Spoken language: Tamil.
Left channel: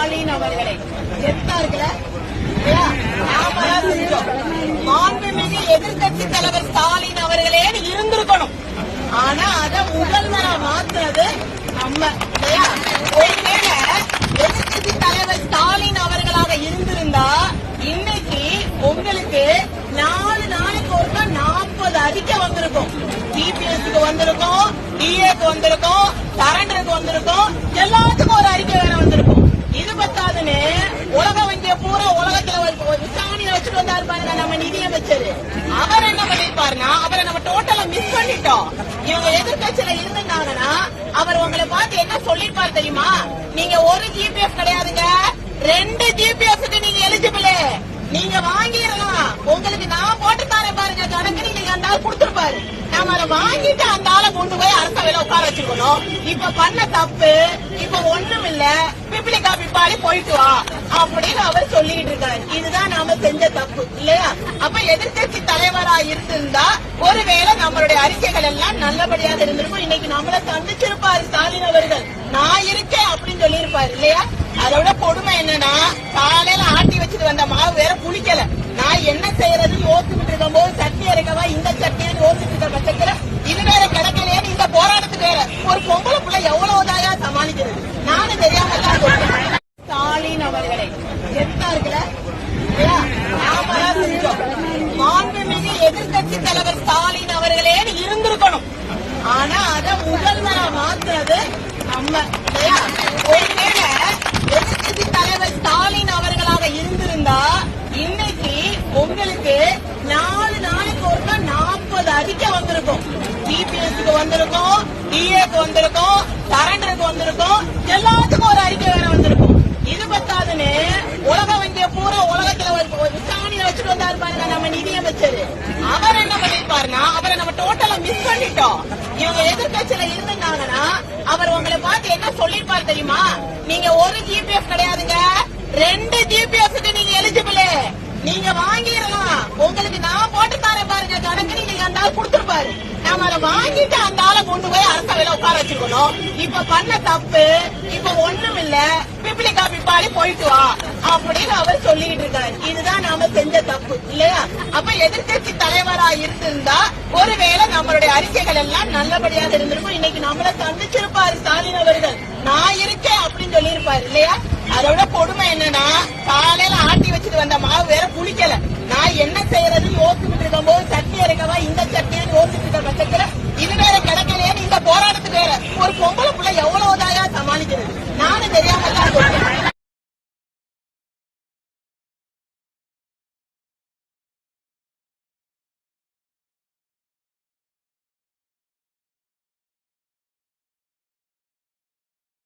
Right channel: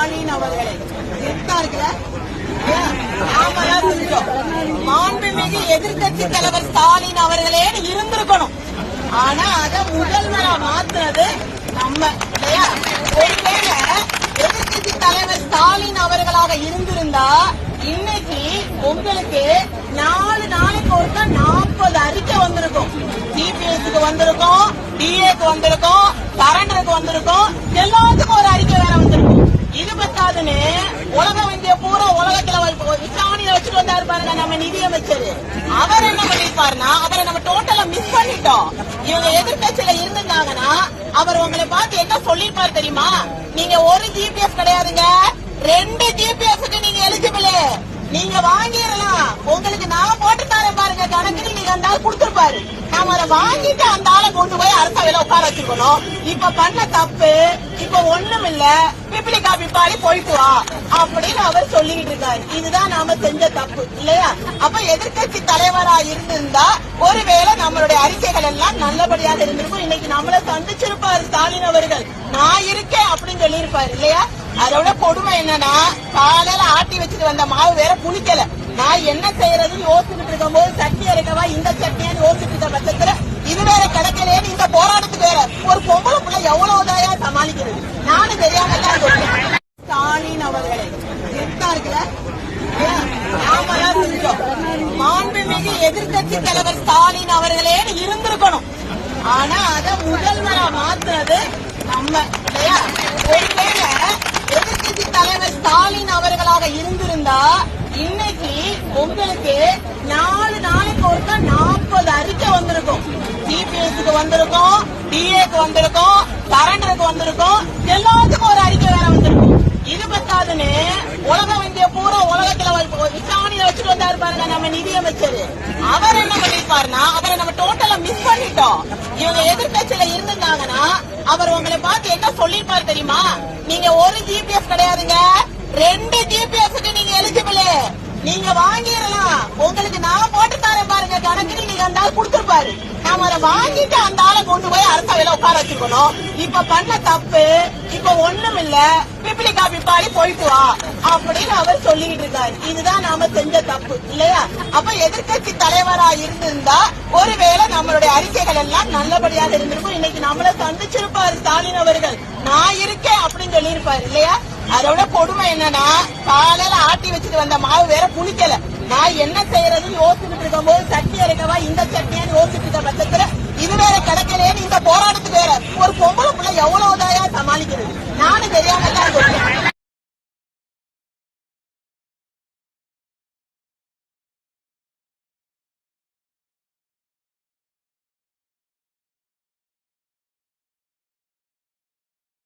ஸ்டாலின் அவர்களை மாண்புமிகு எதிர்கட்சி தலைவர் ஸ்டாலின் அவர்களே இருந்திருக்கணும். ஆனா அத முதல்வரா மாத்துறது நம்ம. ஒருவேளை எதிர்கட்சி தலைவர் ஸ்டாலின் அவர்களாக இருந்திருந்தா இன்னைக்கு உங்களுக்கு 4 நாளுக்கு ஒருக்கா 40 அறிக்கை வந்திருக்கும். சிபிஎஸ்க்கு வந்திருக்கும், டிஏக்கு வந்திருக்கும், சரண்டருக்கு வந்திருக்கும், எல்லாத்துக்கும் ஒரு அறிக்கை வேற வந்திருக்கும். இது பத்தாதுன்னு உலக வங்கிய பூரா உலகத்துல விசாரணையை வச்சுட்டு வந்தாரு பாருங்க நம்ம நிதியமைச்சர். அவர் என்ன பண்ணிருப்பாருன்னா அவரை நம்ம டோட்டலா மிஸ் பண்ணிட்டோம். இவங்க எதிர்கட்சியில இருந்தாங்கன்னா அவர் உங்களை பார்த்து என்ன சொல்லிருப்பாரு தெரியுமா? நீங்க ஒரு ஜிபிஎஃப் கிடையாதுங்க, 2 ஜிபிஎஃப்க்கு நீங்க எலிஜிபிள், நீங்க வாங்கிடலாம், உங்களுக்கு நான் போட்டு தரேன் பாருங்க கணக்கு, நீங்க அந்த ஆள் கொடுத்துருப்பாரு. நாம அதை வாங்கிட்டு அந்த ஆளை கொண்டு போய் அரசவையில உட்கார வச்சுக்கணும். இப்ப பண்ண தப்பு இப்ப ஒண்ணும் இல்ல, பிபிலி காப்பி பாடி போயிட்டு வா அப்படின்னு அவர் சொல்லிட்டு இருக்காரு. இதுதான் நாம செஞ்ச தப்பு இல்லையா? அப்ப எதிர்கட்சி தலைவரா இருந்திருந்தா ஒருவேளை நம்மளுடைய அறிக்கைகள் எல்லாம் நல்லபடியாக இருந்திருக்கும். இன்னைக்கு நம்மள சந்திச்சிருப்பாரு ஸ்டாலின் அவர்கள், நான் இருக்கேன் அப்படின்னு சொல்லியிருப்பாரு இல்லையா? அதோட கொடுமை என்னன்னா காலையில ஆட்டி வச்சுட்டு வந்த மாவு வேற புளிக்கல. நான் என்ன செய்யறதுன்னு யோசிச்சுட்டு இருக்கும் போது சட்டி இறக்கவா இந்த சட்டின்னு யோசிச்சுட்டு இருக்க பட்சத்துல இது வேற கிடைக்கலையேன்னு இந்த போராட்டத்துக்கு வேற ஒரு பொம்பளை பிள்ளை எவ்வளவுதாயா சமாளிக்கிறது? நானும் தெரியாம ஸ்டாலின் அவர்களை மாண்புமிகு எதிர்கட்சி தலைவர் ஸ்டாலின் அவர்களே இருந்திருக்கணும். ஆனா அத முதல்வரா மாத்துறது நம்ம. ஒருவேளை எதிர்கட்சி தலைவர் ஸ்டாலின் அவர்களாக இருந்திருந்தா இன்னைக்கு உங்களுக்கு 4 நாளுக்கு ஒருக்கா 40 அறிக்கை வந்திருக்கும். சிபிஎஸ்க்கு வந்திருக்கும், டிஏக்கு வந்திருக்கும், சரண்டருக்கு வந்திருக்கும், எல்லாத்துக்கும் ஒரு அறிக்கை வேற வந்திருக்கும். இது பத்தாதுன்னு உலக வங்கிய பூரா உலகத்துல விசாரணையை வச்சுட்டு வந்தாரு பாருங்க நம்ம நிதியமைச்சர். அவர் என்ன பண்ணிருப்பாருன்னா அவரை நம்ம டோட்டலா மிஸ் பண்ணிட்டோம். இவங்க எதிர்கட்சியில இருந்தாங்கன்னா அவர் உங்களை பார்த்து என்ன சொல்லிருப்பாரு தெரியுமா? நீங்க ஒரு ஜிபிஎஃப் கிடையாதுங்க, 2 ஜிபிஎஃப்க்கு நீங்க எலிஜிபிள், நீங்க வாங்கிடலாம், உங்களுக்கு நான் போட்டு தரேன் பாருங்க கணக்கு, நீங்க அந்த ஆள் கொடுத்துருப்பாரு. நாம அதை வாங்கிட்டு அந்த ஆளை கொண்டு போய் அரசவையில உட்கார வச்சுக்கணும். இப்ப பண்ண தப்பு இப்ப ஒண்ணும் இல்ல, பிபிலி காப்பி பாடி போயிட்டு வா அப்படின்னு அவர் சொல்லிட்டு இருக்காரு. இதுதான் நாம செஞ்ச தப்பு இல்லையா? அப்ப எதிர்கட்சி தலைவரா இருந்திருந்தா ஒருவேளை நம்மளுடைய அறிக்கைகள் எல்லாம் நல்லபடியாக இருந்திருக்கும். இன்னைக்கு நம்மள சந்திச்சிருப்பாரு ஸ்டாலின் அவர்கள், நான் இருக்கேன் அப்படின்னு சொல்லியிருப்பாரு இல்லையா? அதோட கொடுமை என்னன்னா காலையில ஆட்டி வச்சுட்டு வந்த மாவு வேற புளிக்கல. நான் என்ன செய்யறதுன்னு யோசிச்சுட்டு இருக்கும் போது சட்டி இறக்கவா இந்த சட்டின்னு யோசிச்சுட்டு இருக்க பட்சத்துல இது வேற கிடைக்கலையேன்னு இந்த போராட்டத்துக்கு வேற ஒரு பொம்பளை பிள்ளை எவ்வளவுதாயா சமாளிக்கிறது? நானும் தெரியாம